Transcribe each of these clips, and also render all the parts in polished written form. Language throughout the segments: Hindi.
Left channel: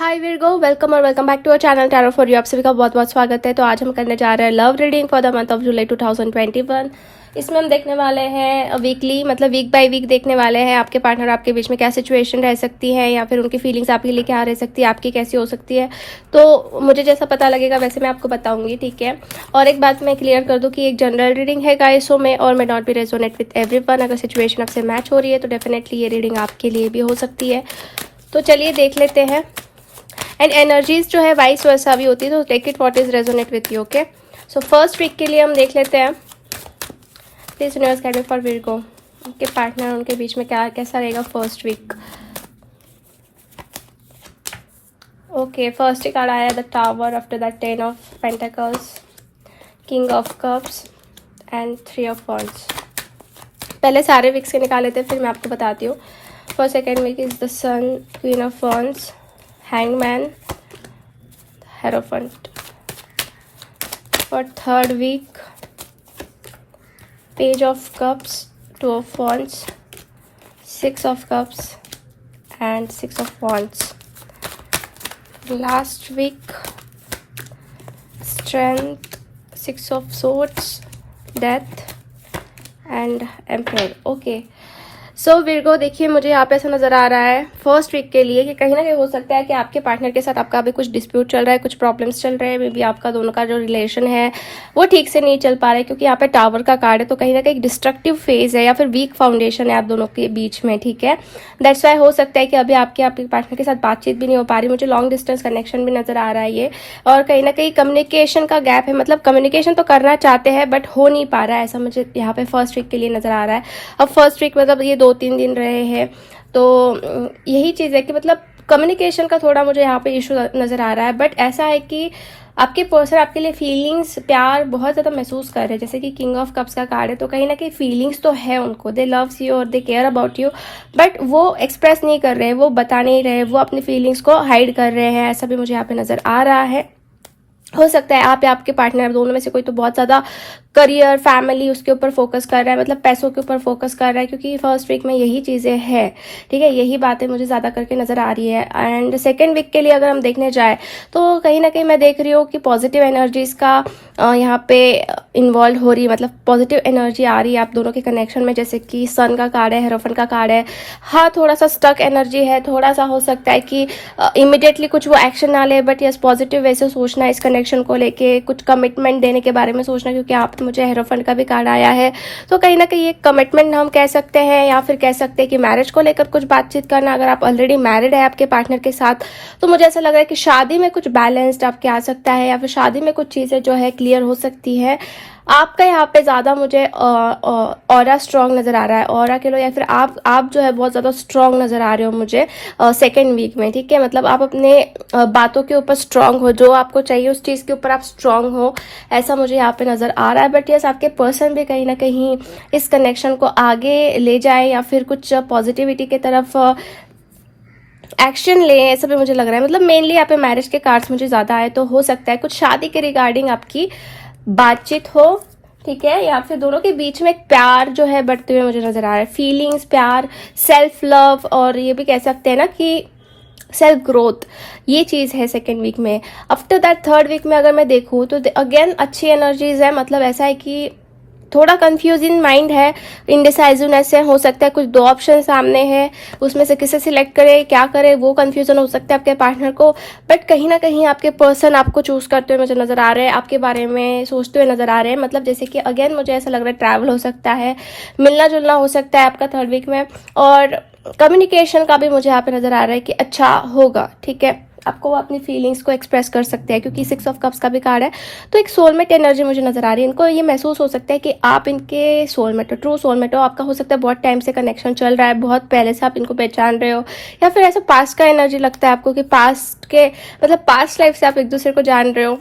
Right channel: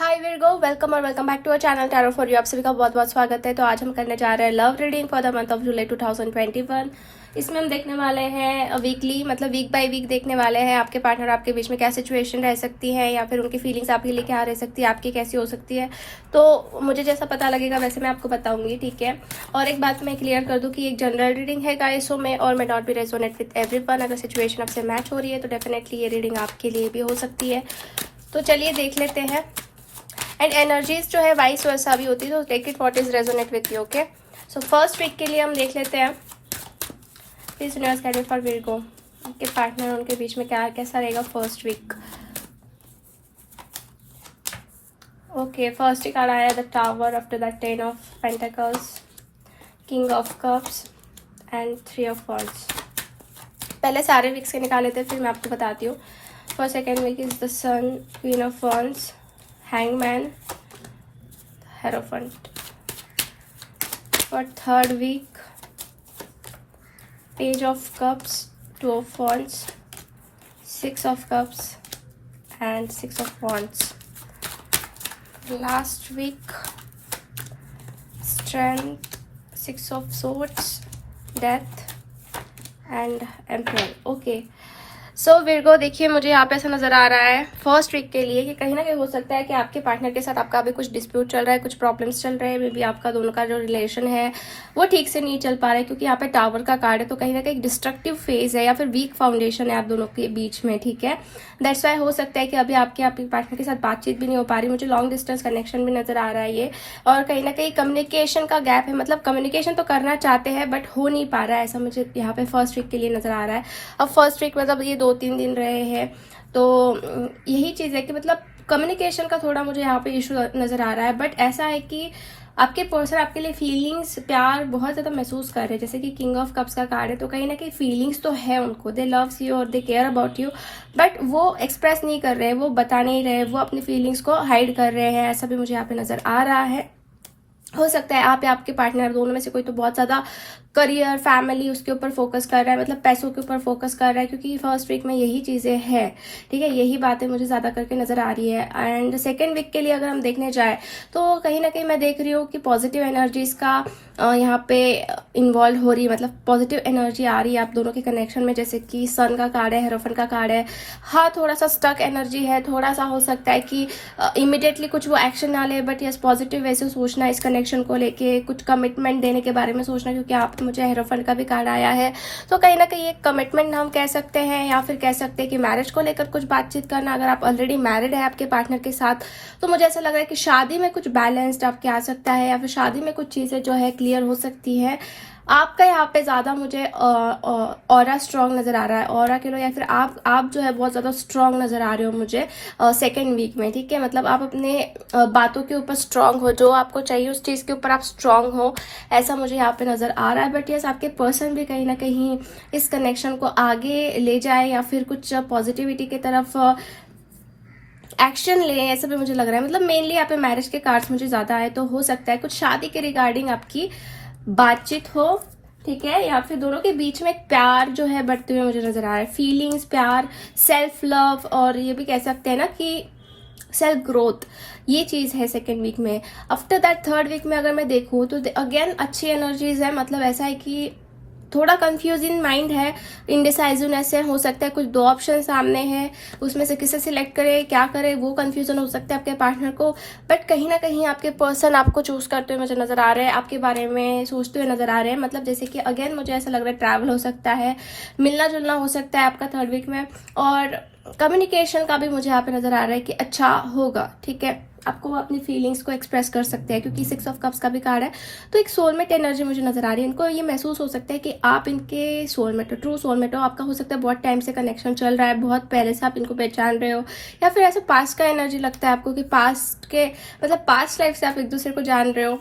हाय वीरगो, वेलकम और welcome back to our channel tarot for you. आप सभी का बहुत बहुत स्वागत है। तो आज हम करने जा रहे हैं love reading for the month of July 2021। इसमें हम देखने वाले हैं वीकली, मतलब वीक बाय वीक देखने वाले हैं आपके पार्टनर आपके बीच में क्या सिचुएशन रह सकती है, या फिर उनकी फीलिंग्स आपके लिए क्या रह सकती है, आपकी कैसी हो सकती है। तो मुझे जैसा पता लगेगा वैसे मैं आपको बताऊंगी, ठीक है। और एक बात मैं क्लियर कर दूं कि एक जनरल रीडिंग है गाइस में, और मैं not be resonate with everyone. अगर सिचुएशन आपसे मैच हो रही है तो डेफिनेटली ये रीडिंग आपके लिए भी हो सकती है। तो चलिए देख लेते हैं। एंड एनर्जीज जो है वाइस वर्सा भी होती है, तो take it what is resonate with you. Okay, so first week के लिए हम देख लेते हैं। Please universe guide me for Virgo, उनके पार्टनर उनके बीच में क्या कैसा रहेगा फर्स्ट वीक। ओके, फर्स्ट ही कार्ड आया the tower, after that 10 of pentacles, king of cups and 3 of wands. पहले सारे वीक्स के निकाले थे, फिर मैं आपको बताती हूँ। For second week is the sun, queen of wands, Hangman, Hierophant. For third week, Page of Cups, 2 of Wands, 6 of Cups and 6 of Wands. Last week, Strength, 6 of Swords, Death and Emperor. Okay. सो वीरगो, देखिए मुझे यहाँ पे ऐसा नजर आ रहा है फर्स्ट वीक के लिए कि कहीं ना कहीं हो सकता है कि आपके पार्टनर के साथ आपका अभी कुछ डिस्प्यूट चल रहा है, कुछ प्रॉब्लम्स चल रहे हैं। मे बी आपका दोनों का जो रिलेशन है वो ठीक से नहीं चल पा रहा है, क्योंकि यहाँ पे टावर का कार्ड है। तो कहीं ना कहीं डिस्ट्रक्टिव फेज है या फिर वीक फाउंडेशन है आप दोनों के बीच में, ठीक है। दैट्स वाई हो सकता है कि अभी आपके पार्टनर के साथ बातचीत भी नहीं हो पा रही। मुझे लॉन्ग डिस्टेंस कनेक्शन भी नजर आ रहा है ये, और कहीं ना कहीं कम्युनिकेशन का गैप है। मतलब कम्युनिकेशन तो करना चाहते हैं बट हो नहीं पा रहा है, ऐसा मुझे यहाँ पे फर्स्ट वीक के लिए नजर आ रहा है। अब फर्स्ट वीक मतलब ये 2-3 दिन रहे है, तो यही चीज है कि मतलब कम्युनिकेशन का थोड़ा मुझे यहाँ पे इशू नजर आ रहा है। बट ऐसा है कि आपके पर्सन आपके लिए फीलिंग्स, प्यार बहुत ज्यादा महसूस कर रहे हैं। जैसे कि किंग ऑफ कप्स का कार्ड है, तो कहीं ना कहीं फीलिंग्स तो है उनको, दे लव्स यू और they care about you, but वो एक्सप्रेस नहीं कर रहे, वो बता नहीं रहे, वो अपनी फीलिंग्स को हाइड कर रहे हैं। ऐसा भी मुझे यहाँ पे नजर आ रहा है। हो सकता है आप या आपके पार्टनर दोनों में से कोई तो बहुत ज्यादा करियर, फैमिली उसके ऊपर फोकस कर रहा है, मतलब पैसों के ऊपर फोकस कर रहा है, क्योंकि फर्स्ट वीक में यही चीजें हैं, ठीक है। यही बातें मुझे ज्यादा करके नजर आ रही है। एंड सेकेंड वीक के लिए अगर हम देखने जाए तो कहीं ना कहीं मैं देख रही हूँ कि पॉजिटिव एनर्जीज का यहाँ पे इन्वॉल्व हो रही है, मतलब पॉजिटिव एनर्जी आ रही है आप दोनों के कनेक्शन में। जैसे कि सन का कार्ड है, हेरोफन का कार्ड है। हाँ, थोड़ा सा स्टक एनर्जी है, थोड़ा सा हो सकता है कि इमिडिएटली कुछ वो एक्शन ना ले, बट यस पॉजिटिव वैसे सोचना इस कनेक्शन को लेके, कुछ कमिटमेंट देने के बारे में सोचना, क्योंकि आप मुझे हेरोफंड का भी कार्ड आया है। तो कहीं ना कहीं ये कमिटमेंट हम कह सकते हैं, या फिर कह सकते हैं कि मैरिज को लेकर कुछ बातचीत करना। अगर आप ऑलरेडी मैरिड है आपके पार्टनर के साथ, तो मुझे ऐसा लग रहा है कि शादी में कुछ बैलेंस्ड आपके आ सकता है, या फिर शादी में कुछ चीजें जो है क्लियर हो सकती है। आपका यहाँ पे ज्यादा मुझे ऑरा स्ट्रांग नजर आ रहा है, ऑरा के लो, या फिर आप जो है बहुत ज्यादा स्ट्रांग नजर आ रहे हो मुझे सेकेंड वीक में, ठीक है। मतलब आप अपने बातों के ऊपर स्ट्रांग हो, जो आपको चाहिए उस चीज के ऊपर आप स्ट्रांग हो, ऐसा मुझे यहाँ पे नजर आ रहा है। बट यस आपके पर्सन भी कहीं ना कहीं इस कनेक्शन को आगे ले जाए, या फिर कुछ पॉजिटिविटी की तरफ एक्शन ले, ऐसा भी मुझे लग रहा है। मतलब मेनली यहाँ पे मैरिज के कार्ड्स मुझे ज्यादा आए, तो हो सकता है कुछ शादी के रिगार्डिंग आपकी बातचीत हो, ठीक है। या फिर दोनों के बीच में एक प्यार जो है बढ़ते हुए मुझे नजर आ रहा है। फीलिंग्स, प्यार, सेल्फ लव, और ये भी कह सकते हैं ना कि सेल्फ ग्रोथ, ये चीज है सेकेंड वीक में। आफ्टर दैट थर्ड वीक में अगर मैं देखूं तो अगेन अच्छी एनर्जीज है। मतलब ऐसा है कि थोड़ा कंफ्यूजिंग माइंड है, इनडिसाइजिवनेस है। हो सकता है कुछ 2 ऑप्शन सामने हैं, उसमें से किसे सिलेक्ट करे, क्या करे, वो कंफ्यूजन हो सकता है आपके पार्टनर को। बट कहीं ना कहीं आपके पर्सन आपको चूज करते हुए मुझे नजर आ रहे हैं, आपके बारे में सोचते हुए नजर आ रहे हैं। मतलब जैसे कि अगेन मुझे ऐसा लग रहा है ट्रैवल हो सकता है, मिलना जुलना हो सकता है आपका थर्ड वीक में, और कम्युनिकेशन का भी मुझे यहाँ पे नजर आ रहा है कि अच्छा होगा, ठीक है। आपको वो अपनी फीलिंग्स को एक्सप्रेस कर सकते हैं, क्योंकि 6 ऑफ कप्स का भी कार्ड है। तो एक सोलमेट एनर्जी मुझे नजर आ रही है। इनको ये महसूस हो सकता है कि आप इनके सोलमेट हो, ट्रू सोलमेट हो। आपका हो सकता है बहुत टाइम से कनेक्शन चल रहा है, बहुत पहले से आप इनको पहचान रहे हो, या फिर ऐसा पास्ट का एनर्जी लगता है आपको कि पास्ट के मतलब पास्ट लाइफ से आप एक दूसरे को जान रहे हो।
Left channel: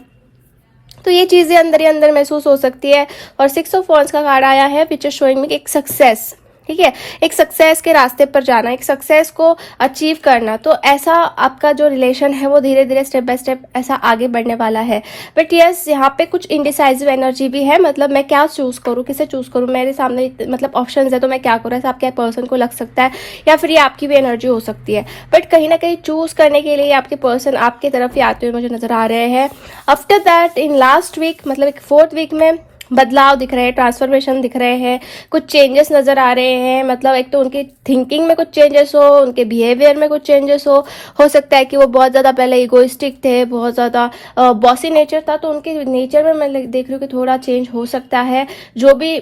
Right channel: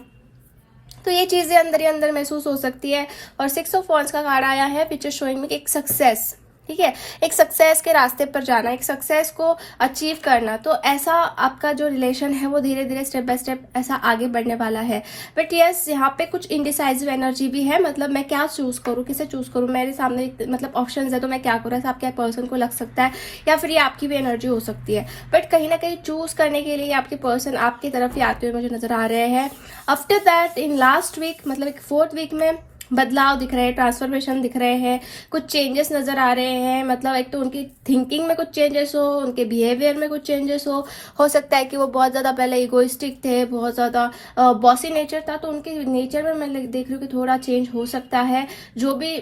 तो ये चीजें अंदर ही अंदर महसूस हो सकती है। और 6 ऑफ वॉन्ड्स का कार्ड आया है, विच इज शोइंग मी एक सक्सेस, ठीक है, एक सक्सेस के रास्ते पर जाना, एक सक्सेस को अचीव करना। तो ऐसा आपका जो रिलेशन है वो धीरे धीरे स्टेप बाय स्टेप ऐसा आगे बढ़ने वाला है। बट यस, यहाँ पे कुछ इनडिसाइजिव एनर्जी भी है, मतलब मैं क्या चूज करूँ, किसे चूज करूँ, मेरे सामने मतलब ऑप्शंस है तो मैं क्या करूँ, ऐसा आपके पर्सन को लग सकता है या फिर ये आपकी भी एनर्जी हो सकती है। बट कहीं ना कहीं चूज करने के लिए आपके पर्सन आपकी तरफ ही आते हुए मुझे नजर आ रहे हैं। After that in last week, मतलब एक 4th वीक में बदलाव दिख रहे हैं, ट्रांसफॉर्मेशन दिख रहे हैं, कुछ चेंजेस नजर आ रहे हैं। मतलब एक तो उनकी थिंकिंग में कुछ चेंजेस हो, उनके बिहेवियर में कुछ चेंजेस हो सकता है कि वो बहुत ज्यादा पहले इगोइस्टिक थे, बहुत ज्यादा बॉसी नेचर था, तो उनके नेचर में मैं देख रही हूँ कि थोड़ा चेंज हो सकता है। जो भी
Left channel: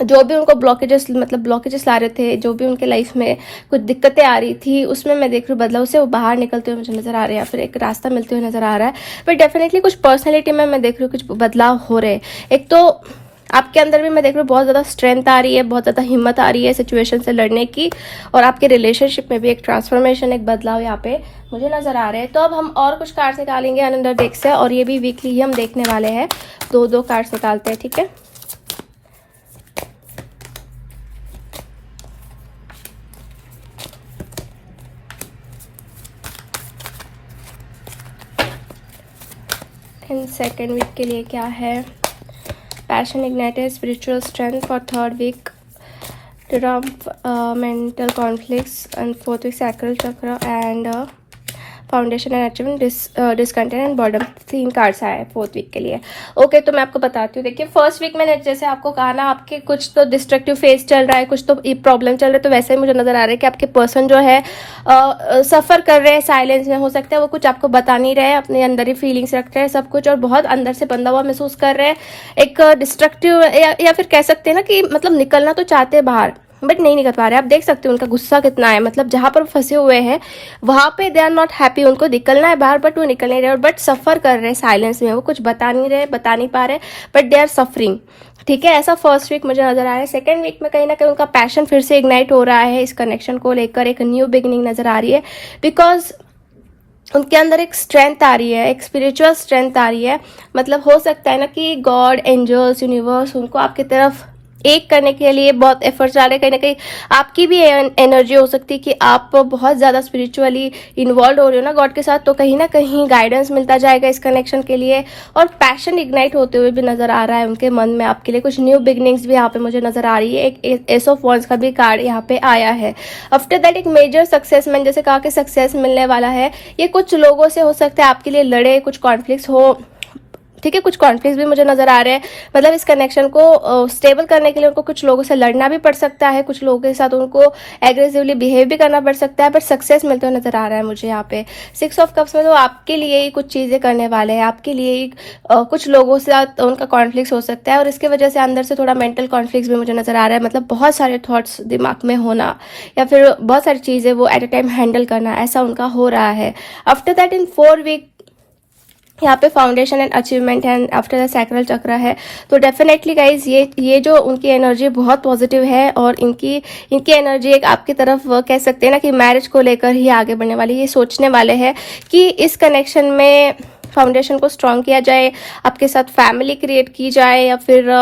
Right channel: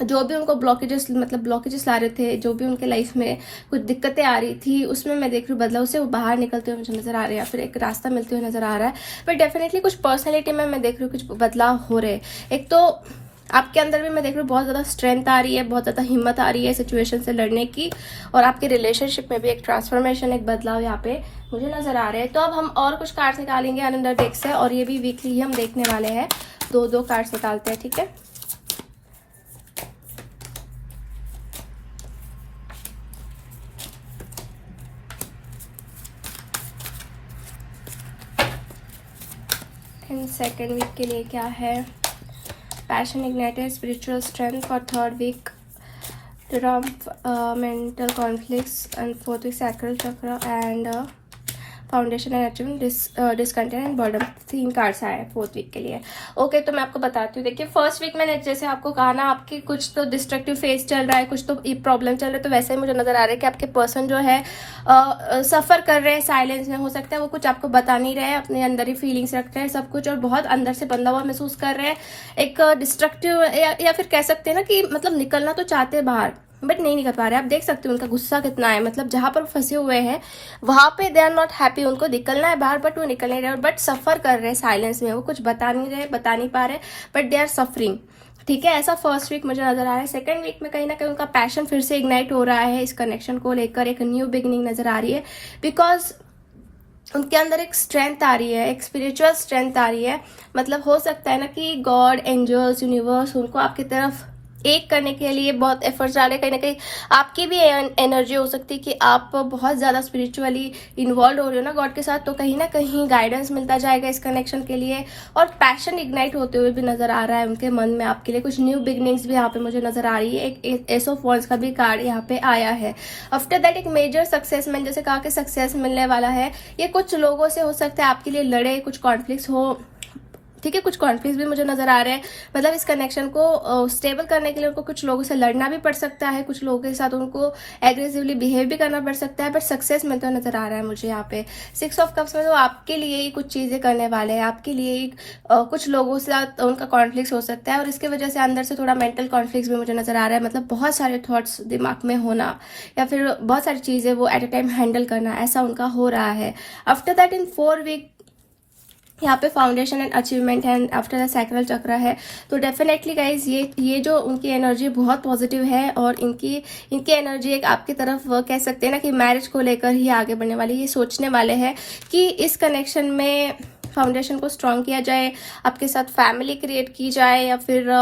उनको ब्लॉकेजेस ला रहे थे, जो भी उनके लाइफ में कुछ दिक्कतें आ रही थी, उसमें मैं देख रही हूँ बदलाव से वो बाहर निकलते हुए मुझे नजर आ रहे हैं, फिर एक रास्ता मिलते हुए नजर आ रहा है। बट डेफिनेटली कुछ पर्सनैलिटी में मैं देख रही हूँ कुछ बदलाव हो रहे हैं। एक तो आपके अंदर भी मैं देख रही हूँ बहुत ज्यादा स्ट्रेंथ आ रही है, बहुत ज्यादा हिम्मत आ रही है सिचुएशन से लड़ने की, और आपके रिलेशनशिप में भी एक ट्रांसफॉर्मेशन, एक बदलाव यहाँ पे मुझे नजर आ रहे हैं। तो अब हम और कुछ कार्ड्स निकालेंगे अनदर डेक से, और ये भी वीकली ही हम देखने वाले हैं। 2 कार्ड्स निकालते हैं, ठीक है। सेकेंड वीक के लिए क्या है? Passion ignited, spiritual strength for 3rd week, trump, mental conflicts and 4th week sacral chakra and foundation and achievement, discontent and boredom. 3 cards आए 4th वीक के लिए। ओके, तो मैं आपको बताती हूँ। देखिए, 1st वीक मैंने जैसे आपको कहा ना, आपके कुछ तो डिस्ट्रक्टिव फेज चल रहा है, कुछ तो प्रॉब्लम चल रहा है, तो वैसे ही मुझे नजर आ रहा है कि आपके पर्सन जो है सफर कर रहे हैं साइलेंस में। हो सकता है वो कुछ आपको बता नहीं रहे, अपने अंदर ही फीलिंग्स रख रहे हैं सब कुछ, और बहुत अंदर से बंधा हुआ महसूस कर रहे हैं। एक डिस्ट्रक्टिव या फिर कह सकते हैं ना कि मतलब निकलना तो चाहते हैं बाहर, बट नहीं निकल पा रहे। आप देख सकते हो उनका गुस्सा कितना है, मतलब जहां पर फंसे हुए हैं वहां पे दे आर नॉट हैप्पी। उनको निकलना है बाहर बट वो निकल नहीं रहे, और बट सफर कर रहे हैं साइलेंस में। वो कुछ बता नहीं पा रहे, बट दे आर सफरिंग। ठीक है, ऐसा 1st वीक मुझे नजर आ रहा है। 2nd वीक में कहीं ना कहीं उनका पैशन फिर से इग्नाइट हो रहा है, इस कनेक्शन को लेकर एक न्यू बिगिनिंग नजर आ रही है, बिकॉज उनके अंदर एक स्ट्रेंथ आ रही है, एक स्पिरिचुअल स्ट्रेंथ आ रही है। मतलब हो सकता है ना कि गॉड, एंजल्स, यूनिवर्स उनको आपकी तरफ एक करने के लिए बहुत एफर्ट्स डाल रहे हैं। कहीं ना कहीं आपकी भी एनर्जी हो सकती है कि आप बहुत ज्यादा स्पिरिचुअली इन्वॉल्व हो रहे हो ना गॉड के साथ, तो कहीं ना कहीं गाइडेंस मिलता जाएगा इस कनेक्शन के लिए, और पैशन इग्नाइट होते हुए भी नजर आ रहा है उनके मन में आपके लिए। कुछ न्यू बिगनिंग्स भी यहाँ पे मुझे नजर आ रही है। एक एस ऑफ वॉन्ड्स का भी कार्ड यहाँ पे आया है। आफ्टर दैट एक मेजर सक्सेस, मैंने जैसे कहा कि सक्सेस मिलने वाला है। ये कुछ लोगों से हो सकता है आपके लिए लड़े, कुछ कॉन्फ्लिक्ट्स हो, ठीक है, कुछ कॉन्फ्लिक्ट भी मुझे नजर आ रहे हैं। मतलब इस कनेक्शन को स्टेबल करने के लिए उनको कुछ लोगों से लड़ना भी पड़ सकता है, कुछ लोगों के साथ उनको एग्रेसिवली बिहेव भी करना पड़ सकता है, बट सक्सेस मिलते हुए नजर आ रहा है मुझे यहाँ पे। 6 ऑफ कप्स में तो आपके लिए ही कुछ चीजें करने वाले हैं, आपके लिए ही कुछ लोगों से उनका कॉन्फ्लिक्ट हो सकता है, और इसके वजह से अंदर से थोड़ा मेंटल कॉन्फ्लिक्ट भी मुझे नजर आ रहा है। मतलब बहुत सारे थॉट्स दिमाग में होना, या फिर बहुत सारी चीजें वो एट ए टाइम हैंडल करना, ऐसा उनका हो रहा है। आफ्टर दैट इन 4 वीक यहाँ पे foundation and achievement and after the sacral चक्र है। तो डेफिनेटली गाइज ये जो उनकी एनर्जी बहुत पॉजिटिव है, और इनकी एनर्जी एक आपकी तरफ कह सकते हैं ना कि मैरिज को लेकर ही आगे बढ़ने वाली। ये सोचने वाले हैं कि इस कनेक्शन में फाउंडेशन को स्ट्रॉन्ग किया जाए, आपके साथ फैमिली क्रिएट की जाए, या फिर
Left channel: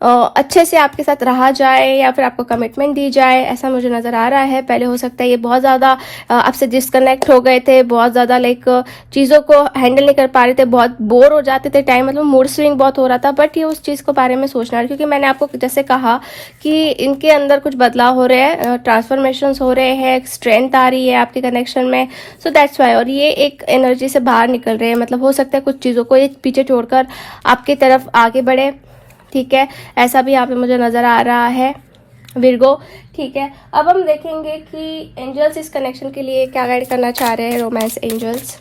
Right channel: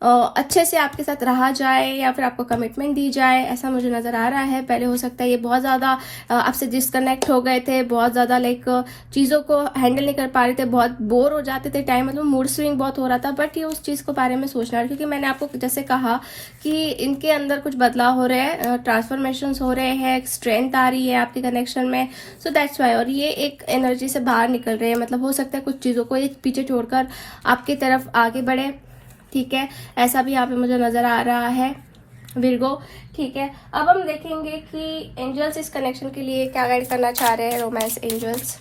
अच्छे से आपके साथ रहा जाए, या फिर आपको कमिटमेंट दी जाए, ऐसा मुझे नजर आ रहा है। पहले हो सकता है ये बहुत ज़्यादा आपसे डिस्कनेक्ट हो गए थे, बहुत ज़्यादा लाइक चीज़ों को हैंडल नहीं कर पा रहे थे, बहुत बोर हो जाते थे टाइम, मतलब मूड स्विंग बहुत हो रहा था। बट ये उस चीज़ को बारे में सोचना है, क्योंकि मैंने आपको जैसे कहा कि इनके अंदर कुछ बदलाव हो रहे हैं, ट्रांसफॉर्मेशन हो रहे हैं, स्ट्रेंथ आ रही है आपके कनेक्शन में। सो दैट्स वाई, और ये एक एनर्जी से बाहर निकल रहे हैं। मतलब हो सकता है कुछ चीज़ों को एक पीछे छोड़कर आपकी तरफ आगे बढ़े, ठीक है, ऐसा भी यहाँ पे मुझे नजर आ रहा है विर्गो। ठीक है, अब हम देखेंगे कि एंजल्स इस कनेक्शन के लिए क्या गाइड करना चाह रहे हैं, रोमांस एंजल्स।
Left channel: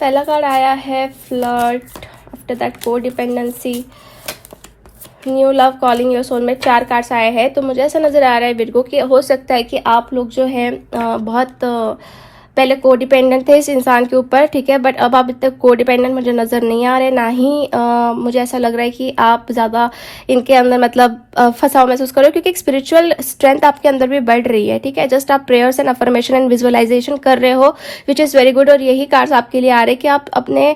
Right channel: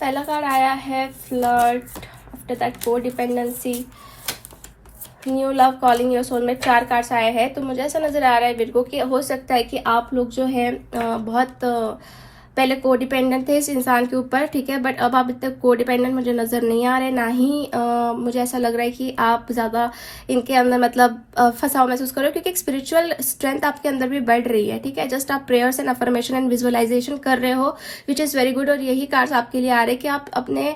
पहला कार्ड आया है फ्लर्ट, आफ्टर दैट को dependency, new love, calling your soulmate. 4 cards आए हैं। तो मुझे ऐसा नजर आ रहा है विर्गो कि हो सकता है कि आप लोग जो है बहुत पहले को डिपेंडेंट थे इस इंसान के ऊपर, ठीक है, बट अब आप इतने को डिपेंडेंट मुझे नजर नहीं आ रहे, ना ही मुझे ऐसा लग रहा है कि आप ज्यादा इनके अंदर मतलब फंसाव महसूस कर रहे हो, क्योंकि एक स्पिरिचुअल स्ट्रेंथ आपके अंदर भी बढ़ रही है। ठीक है, जस्ट आप prayers and affirmation and visualisation कर रहे हो, विच इज वेरी गुड। और यही कार्ड्स आपके लिए आ रहे हैं कि आप अपने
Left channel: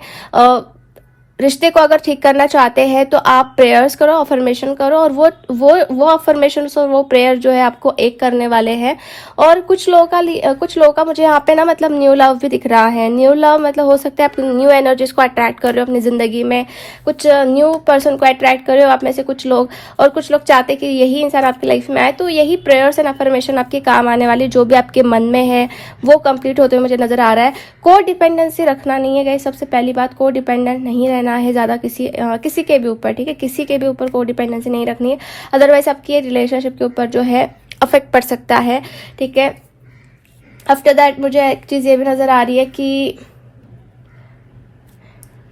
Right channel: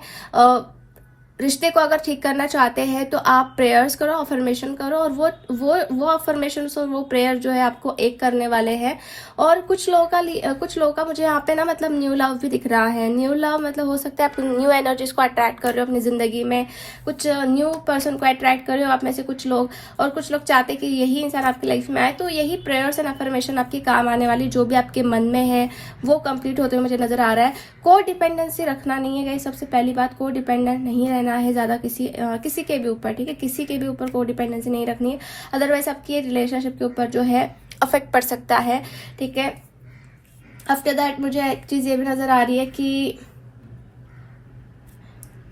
रिश्ते को अगर ठीक करना चाहते हैं तो आप प्रेयर्स करो, अफर्मेशन करो, और वो अफर्मेशन और वो प्रेयर जो है आपको एक करने वाले हैं। और कुछ लोगों का मुझे यहाँ पे ना मतलब न्यू लव भी दिख रहा है। न्यू लव मतलब हो सकता है आप न्यू एनर्जीज को अट्रैक्ट कर रहे हो अपनी जिंदगी में, कुछ न्यू पर्सन को अट्रैक्ट कर रहे हो आप में से कुछ लोग, और कुछ लोग चाहते हैं कि यही इंसान आपकी लाइफ में आए। तो यही प्रेयर्स एंड अफर्मेशन आपके काम आने वाली, जो भी आपके मन में है वो कंप्लीट होते हुए मुझे नजर आ रहा है। को डिपेंडेंसी रखना नहीं है गाइस, सबसे पहली बात, को डिपेंडेंट नहीं रहना है ज़्यादा किसी के भी ऊपर, ठीक है। किसी के भी ऊपर को डिपेंडेंसी नहीं रखनी है, अदरवाइज आपकी रिलेशनशिप के ऊपर जो है अफेक्ट पड़ सकता है, ठीक है। आफ्टर दैट मुझे एक चीज़ ये भी नज़र आ रही है कि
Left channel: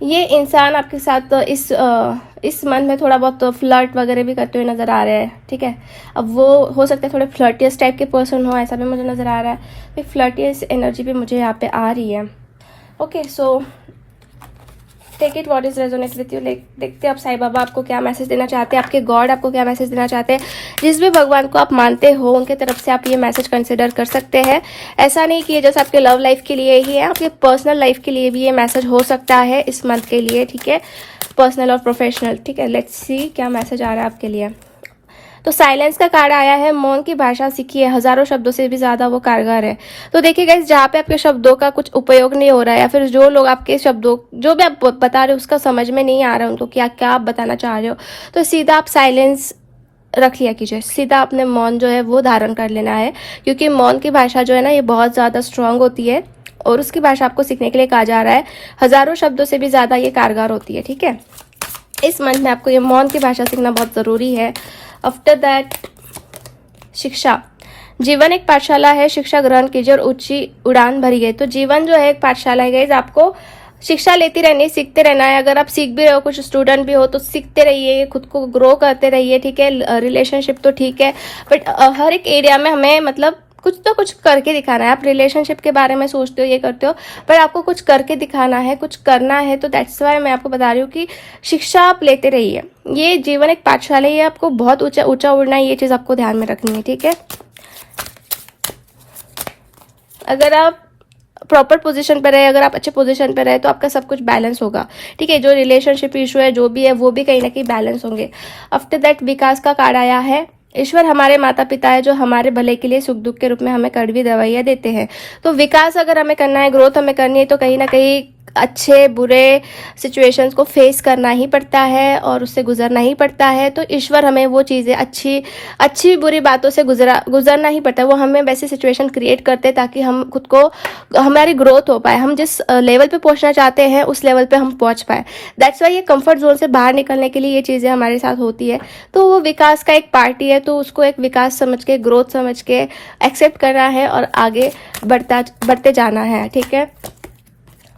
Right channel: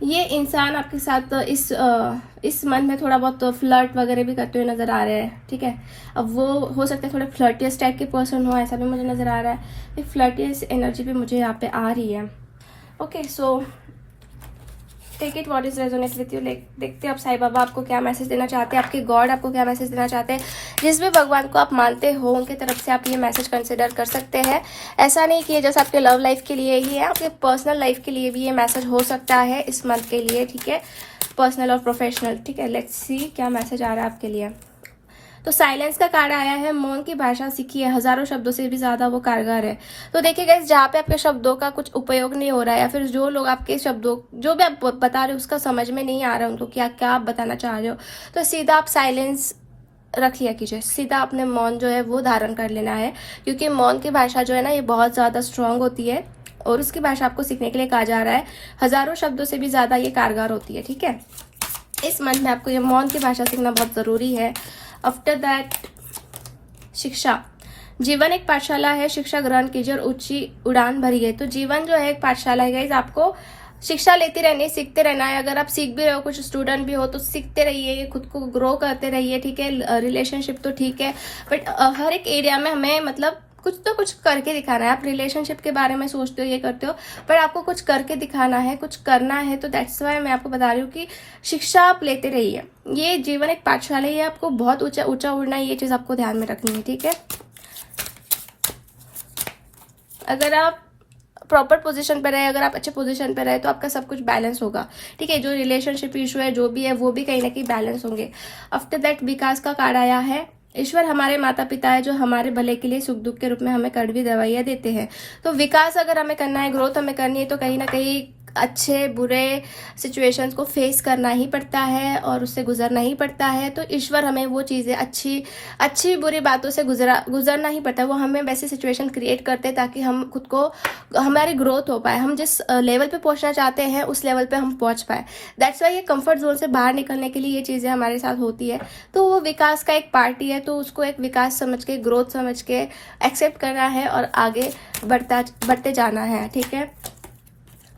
ये इंसान आपके साथ इस मंथ में थोड़ा बहुत फ्लर्ट वगैरह भी करते हुए नजर आ रहे हैं, ठीक है। अब वो हो सकता है थोड़े फ्लर्टियस टाइप के पर्सन हो, ऐसा भी मुझे नजर आ रहा है। फ्लर्टियस एनर्जी भी मुझे यहाँ पे आ रही है। Okay, so take it what is resonate with you. देखते हैं आप साईं बाबा आपको क्या मैसेज देना चाहते हैं, आपके गॉड आपको क्या मैसेज देना चाहते हैं। जिस भी भगवान को आप मानते हो उनके तरफ से आप ये मैसेज कंसिडर कर सकते हैं। ऐसा नहीं कि जैसे आपके लव लाइफ के लिए ही है, आपके पर्सनल लाइफ के लिए भी ये मैसेज हो सकता है इस मंथ के लिए, ठीक है, पर्सनल और प्रोफेशनल, ठीक है। लेट्स सी क्या मैसेज आ रहा है आपके लिए। तो साइलेंस का कार्ड आया है। मौन की भाषा सीखिए, हजारों शब्दों से भी ज्यादा वो कारगर है। तो देखिए गाइस, जहाँ पे आपके शब्दों का कुछ उपयोग नहीं हो रहा है, या फिर जो लोग आपके शब्दों जो भी आप बता रहे हो उसका समझ में नहीं आ रहा है उनको क्या क्या आप बताना चाह रहे हो, तो सीधा आप साइलेंस रख लिया कीजिए, सीधा अपने मौन जो है वो धारण कर लेना है। क्योंकि मौन की भाषा जो है ना ये बहुत ज्यादा स्ट्रांग होती है, और उसकी भाषा आपको सीखने के लिए कहा जा रहा है हजारों शब्दों से भी ज्यादा ये कारगर होती है, ठीक है। इस मंथ में आपको ये मौन की भाषा सीखना बहुत जरूरी है। आफ्टर दैट शिक्षा, जीवन एक पाठशाला है, शिक्षा ग्रहण कीजिए और ऊंची उड़ान भरिए। तो जीवन जो है एक पाठशाला है गाइस, आपको शिक्षा लेती रहनी है, सीखते रहना है। अगर आप सीख भी रहे हो, कुछ स्टूडेंट भी हो, तो सीखते रहिए, खुद को ग्रो करते रहिए, ठीक है। रिलेशनशिप तो ठीक है, बट हर एक एरिया में हमें मतलब कुछ तो कुछ करके दिखाना है। आप रिलेशनशिप के बारे में सोचते हो, ये करते हो, पर आपको कुछ करके दिखाना है, कुछ करना है। तो दैट्स वाई मैं आपको बता रही हूँ कि शिक्षा आप लेते रहिए। ये जीवन एक पाठशाला है, आपको बहुत ऊंचा ऊंचा उड़ना है, ये चीज आपको ध्यान में रखनी है, ठीक है। अगर आप प्रॉपर पोजीशन पे रहे, अगर आप अच्छे पोजीशन पे रहे, तो आपका सब कुछ बैलेंस होगा, ठीक है। जो रिलेशनशिप इशू है जो भी है वो भी कहीं ना कहीं बैलेंस होंगे। आफ्टर दैट विकास का कार्ड आया है। ईश्वर हमारे माता पिता है जो हमारे भले के लिए सुख दुख के रूप में हमें कड़वी दवाइयां देते हैं। तो विकास अगर हमें करना है, ग्रोथ हमें करनी है, तो कहीं ना कहीं अच्छे बुरे सिचुएशंस को फेस करना ही पड़ता है और उससे गुजरना ही पड़ता है। तो ईश्वर हमें वो चीज़ें अच्छी बुरी बातों से गुजरना ही पड़ता है। वो हमें वैसी सिचुएशन क्रिएट करते हैं ताकि हम खुद को, हमारी ग्रोथ हो पाए, हम जिस लेवल पे पहुंचना चाहते हैं उस लेवल पे हम पहुंच पाए। दैट्स वाई ये कंफर्ट जोन से बाहर निकलने के लिए ये चीज़ें हमारे साथ होती है। तो वो विकास का एक पार्टी है, तो उसको एक विकास समझ के, ग्रोथ समझ के एक्सेप्ट करना है और आगे बढ़ते जाना है, ठीक है।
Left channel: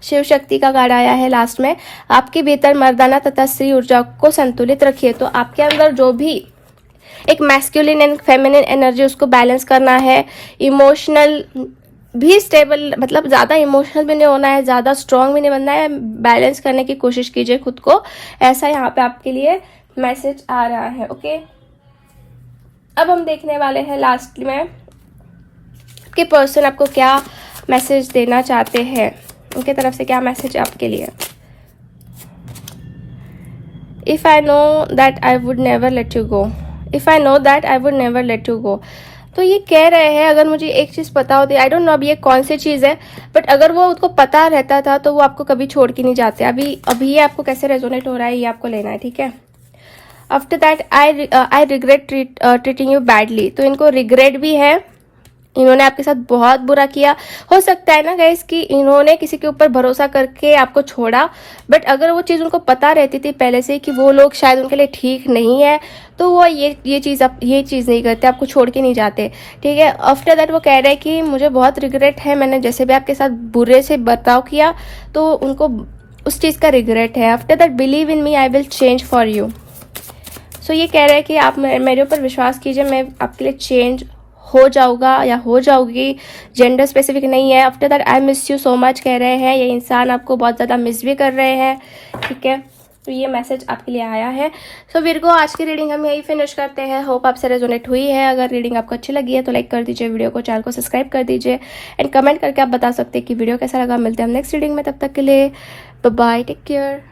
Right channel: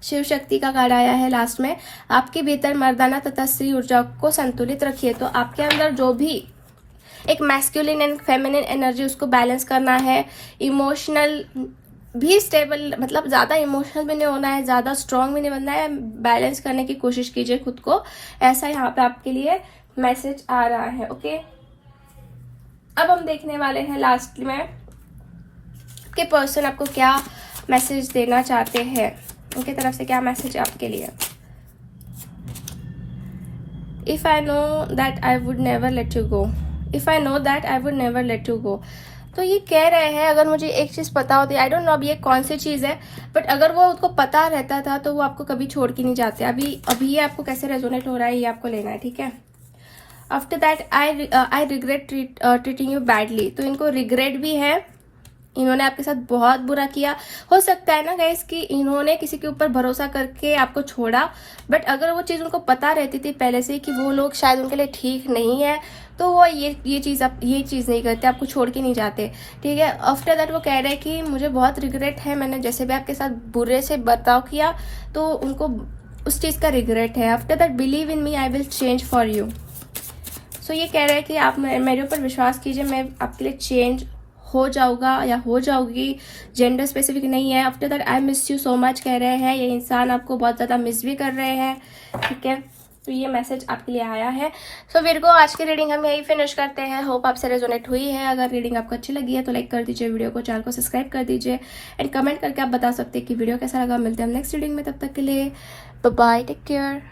शिव शक्ति का कार्ड आया है लास्ट में। आपके भीतर मर्दाना तथा स्त्री ऊर्जा को संतुलित रखिए। तो आपके अंदर जो भी एक मैस्कुलिन एंड फेमिनिन एनर्जी, उसको बैलेंस करना है। इमोशनल भी स्टेबल, मतलब ज्यादा इमोशनल भी नहीं होना है, ज्यादा स्ट्रांग भी नहीं बनना है, बैलेंस करने की कोशिश कीजिए खुद को। ऐसा यहाँ पे आपके लिए मैसेज आ रहा है, ओके। अब हम देखने वाले हैं लास्ट में कि पर्सन आपको क्या मैसेज देना चाहते हैं, उनके तरफ से क्या मैसेज है आपके लिए। If I know that I would never let you go, if I know that I would never let you go. तो ये कह रहे हैं अगर मुझे एक चीज पता होती, आई डोंट नो अब ये कौन सी चीज है, बट अगर वो उसको पता रहता था तो वो आपको कभी छोड़ के नहीं जाते। अभी ये आपको कैसे रेजोनेट हो रहा है ये आपको लेना है, ठीक है। After that I regret treating you badly. तो इनको रिग्रेट भी है, इन्होंने आपके साथ बहुत बुरा किया। हो सकता है ना गाइस कि इन्होंने किसी के ऊपर भरोसा करके आपको छोड़ा, बट अगर वो चीज उनको पता रहती थी पहले से कि वो लोग शायद उनके लिए ठीक नहीं है, तो वो ये चीज नहीं करते, आपको छोड़ के नहीं जाते, ठीक है। आफ्टर दैट वो कह रहे हैं कि मुझे बहुत रिग्रेट है, मैंने जैसे भी आपके साथ बुरे से बर्ताव किया तो उनको उस चीज का रिग्रेट है। After that believe in me, I will change for you. So ये कह रहे हैं कि आप मेरे ऊपर विश्वास कीजिए, मैं आपके लिए चेंज हो जाऊंगा या हो जाऊंगी, जेंडर स्पेसिफिक नहीं है। After that I miss you so much कह रहे हैं, ये इंसान आपको बहुत ज़्यादा मिस भी कर रहे हैं, ठीक है। तो ये मैसेज आपके लिए आया है। सो विर्गो, आज की रीडिंग हम यही फिनिश करते हैं। होप आपसे रेजोनेट हुई है। अगर रीडिंग आपको अच्छी लगी है तो लाइक कर दीजिए वीडियो को, चैनल को सब्सक्राइब कर दीजिए एंड कमेंट करके आप बता सकते हैं कि वीडियो कैसा लगा। मिलते हैं हम नेक्स्ट रीडिंग में, तब तक के लिए बाय, टेक केयर।